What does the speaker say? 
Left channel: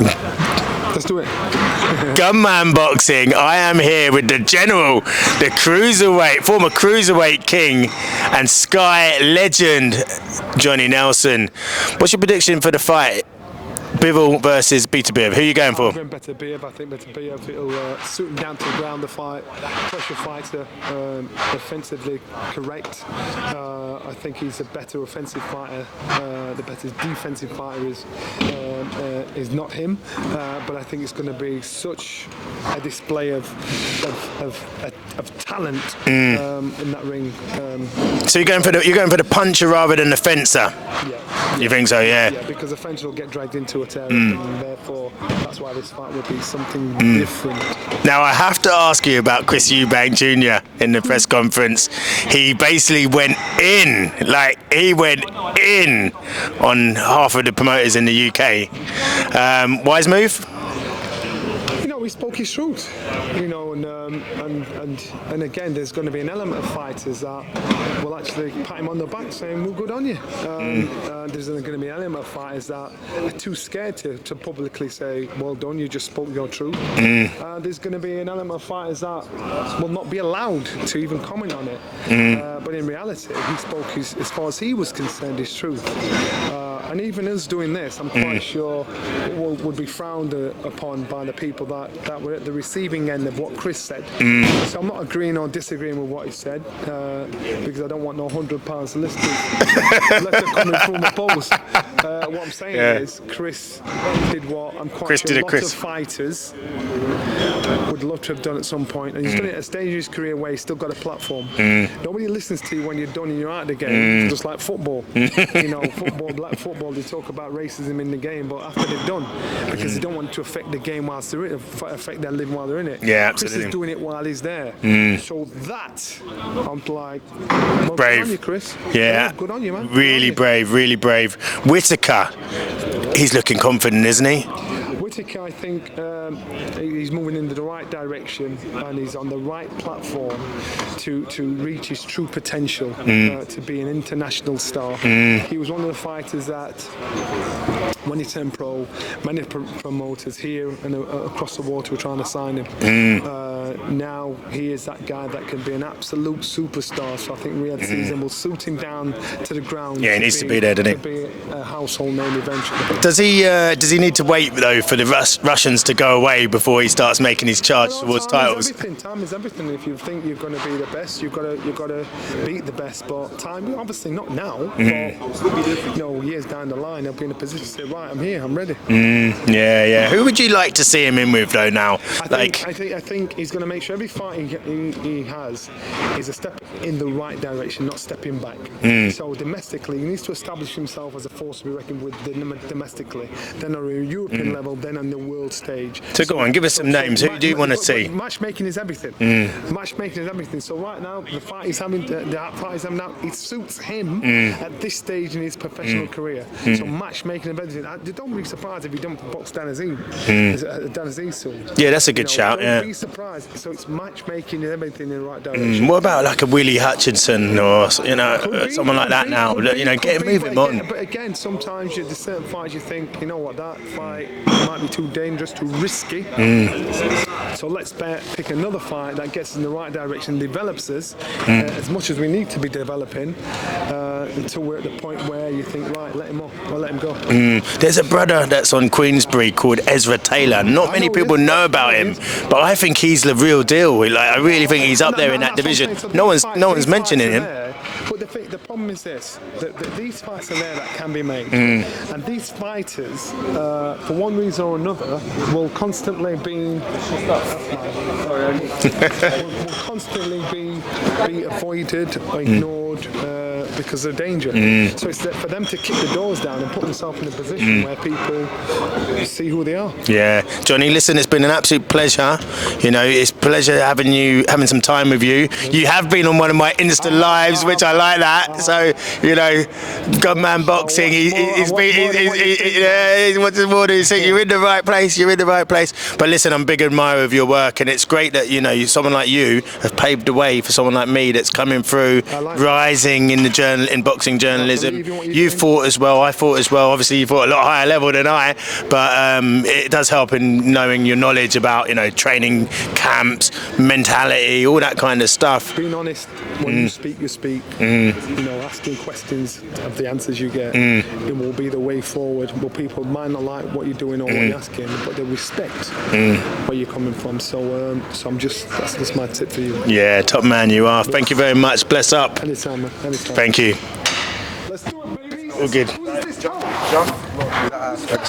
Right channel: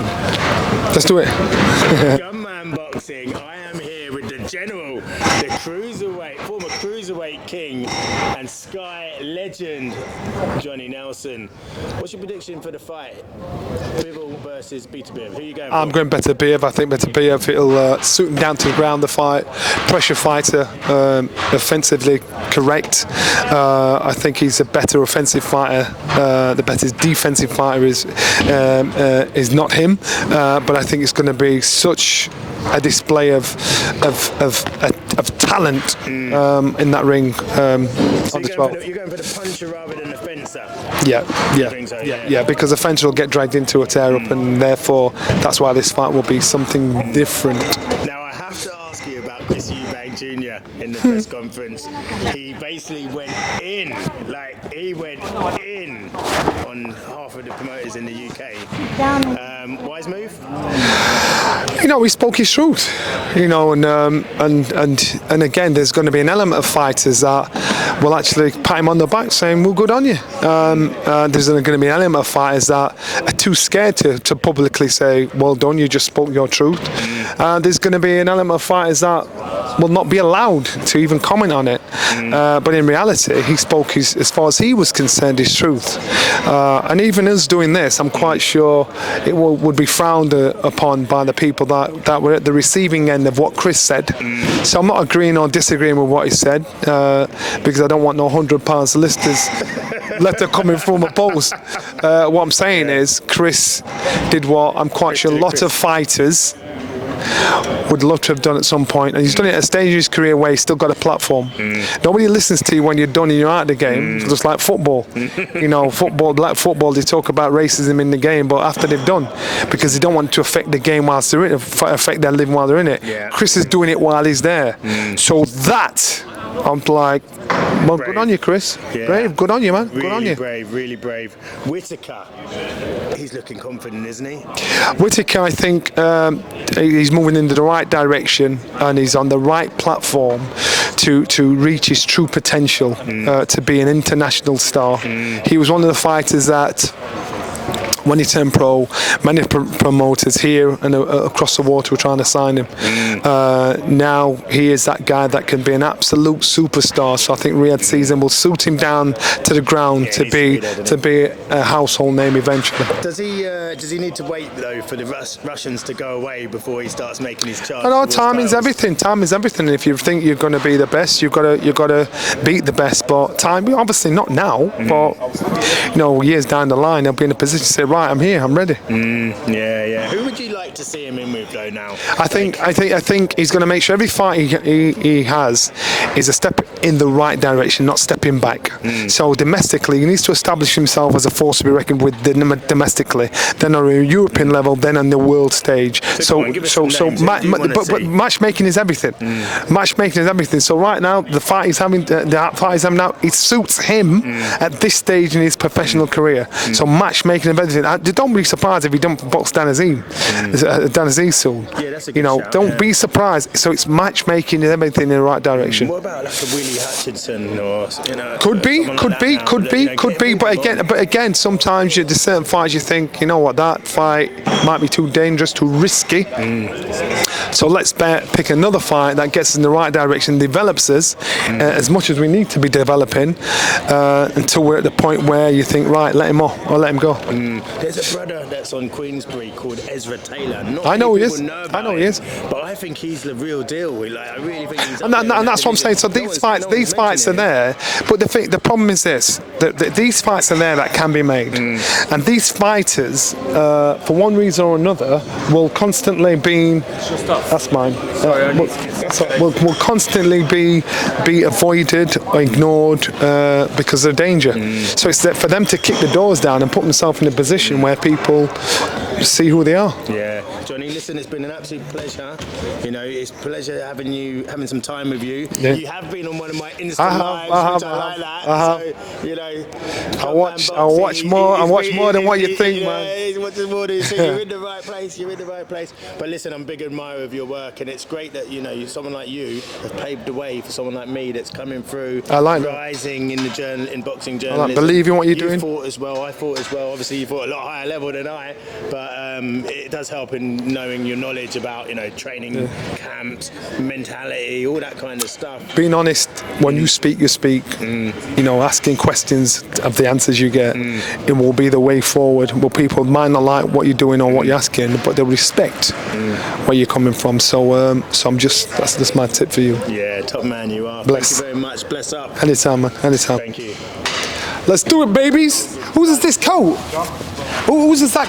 Let's do it. Gunman Boxing. I am here with the general, the cruiserweight, former cruiserweight king and Sky legend, Johnny Nelson. What's your prediction for the fight? Bivol versus Beterbiev. Who are you going for? I'm going Beterbiev. I think Beterbiev, it'll suit him down to the ground, the fight. Pressure fighter, offensively correct. I think he's a better offensive fighter. The better defensive fighter is not him. But I think it's going to be such a display of talent in that ring. So you're going for the puncher rather than the fencer. Yeah. You think so? Yeah. Yeah, because the fencer will get dragged into a tear up, and therefore that's why this fight will be something different. Now I have to ask you about Chris Eubank Jr. in the press conference. He basically went in, on half of the promoters in the UK. Wise move? You know, he spoke his truth. You know, and again, there's going to be an element of fighters that will actually pat him on the back, saying, "Well, good on you." There's going to be an element of fighters that are too scared to publicly say, "Well done, you just spoke your truth." There's going to be an element of fighters that will not be allowed to even comment on it. But in reality, he spoke as far as he was concerned, his truth. And even us doing this, I'm quite sure it would be frowned upon by the people that were at the receiving end of what Chris said. So I'm not agreeing or disagreeing with what he said, because I don't want no £100 listeners letter coming from a post. What I'm saying is Chris did what I'm quite sure a lot of fighters would love to have done at some point, and he's done it at a stage of his career where he's still got a platform. Nobody listens to you when you're done and you're out of the game. It's just like football. You know, black football, they talk about racism in the game, but after they've done, because they don't want to affect the game whilst they're in it, affect their living while they're in it. Yeah, Chris is doing it while he's there. So that, I'm like, well, good on you, Chris. Yeah. Brave. Good on you, man. Really brave, really brave. Whitaker. He's looking confident, isn't he? Whitaker, I think he's moving in the right direction, and he's on the right platform to reach his true potential, to be an international star. He was one of the fighters that, when he turned pro, many promoters here and across the water were trying to sign him. Now he is that guy that can be an absolute superstar. So I think Riyadh season will suit him down to the ground to be a household name eventually. Does he need to wait though for the Russians to go away before he starts making his charge? No, time is everything. Time is everything. If you think you're going to be the best, you've got to beat the best. But time, obviously not now. But you know, years down the line, they'll be in a position to say, right, I'm here, I'm ready. Yeah. Who would you like to see him in with though now? I think he's going to make sure every fight he has is a step in the right direction, not stepping back. So domestically, he needs to establish himself as a force to be reckoned with domestically, then on a European level, then on the world stage. So go on, give us some names. Who do you want to see? But matchmaking is everything. Matchmaking is everything. So right now, the fight he's having now, it suits him at this stage in his professional career. So matchmaking of everything. Don't be surprised if he don't box Dan Azeez soon. Yeah, that's a good shout. Don't be surprised. So it's matchmaking and everything in the right direction. What about like a Willie Hutchinson or could be. But again, sometimes there's certain fights you think, you know what, that fight might be too dangerous, too risky. So let's pick another fight that gets us in the right direction, develops us as much as we need to be developing until we're at the point where you think, right, let him off or let him go. There's a brother that's on Queensbury called Ezra Taylor. Not many people know about him, but I think he's the real deal. I really think he's up there in that division. What I'm saying. So no one's mentioning him. There, but the problem is this: that these fights are there that can be made, and these fighters, for one reason or another, will constantly be. That's mine. Will constantly be avoided, ignored because of danger. So it's for them to kick the doors down and put themselves in a position where people see who they are. Yeah, Johnny, listen, it's been an absolute pleasure. You know, it's a pleasure having some time with you. Yeah. You have been on one of my Insta lives, which I like that. So, you know, Gunman Boxing. He's more than what you think. Yeah, he's much more than you think. You're in the right place. You're in the right place. But listen, I'm a big admirer of your work, and it's great that someone like you have paved the way for someone like me that's coming through, rising in boxing journalism. I believe in what you're doing. You fought as well. I fought as well. Obviously, you fought a lot higher level than I, but it does help in knowing your knowledge about, you know, training camps, mentality, all that kind of stuff. Being honest, when you speak, you speak. You know, asking questions of the answers you get, it will be the way forward. Well, people might not like what you're doing or what you're asking, but they'll respect where you're coming from. So, so I'm just, that's my tip for you. Yeah, top man you are. Bless. Thank you very much. Bless up. Anytime, man. Anytime. Thank you. Let's do it, babies. All good. Who's this coat? Who's this that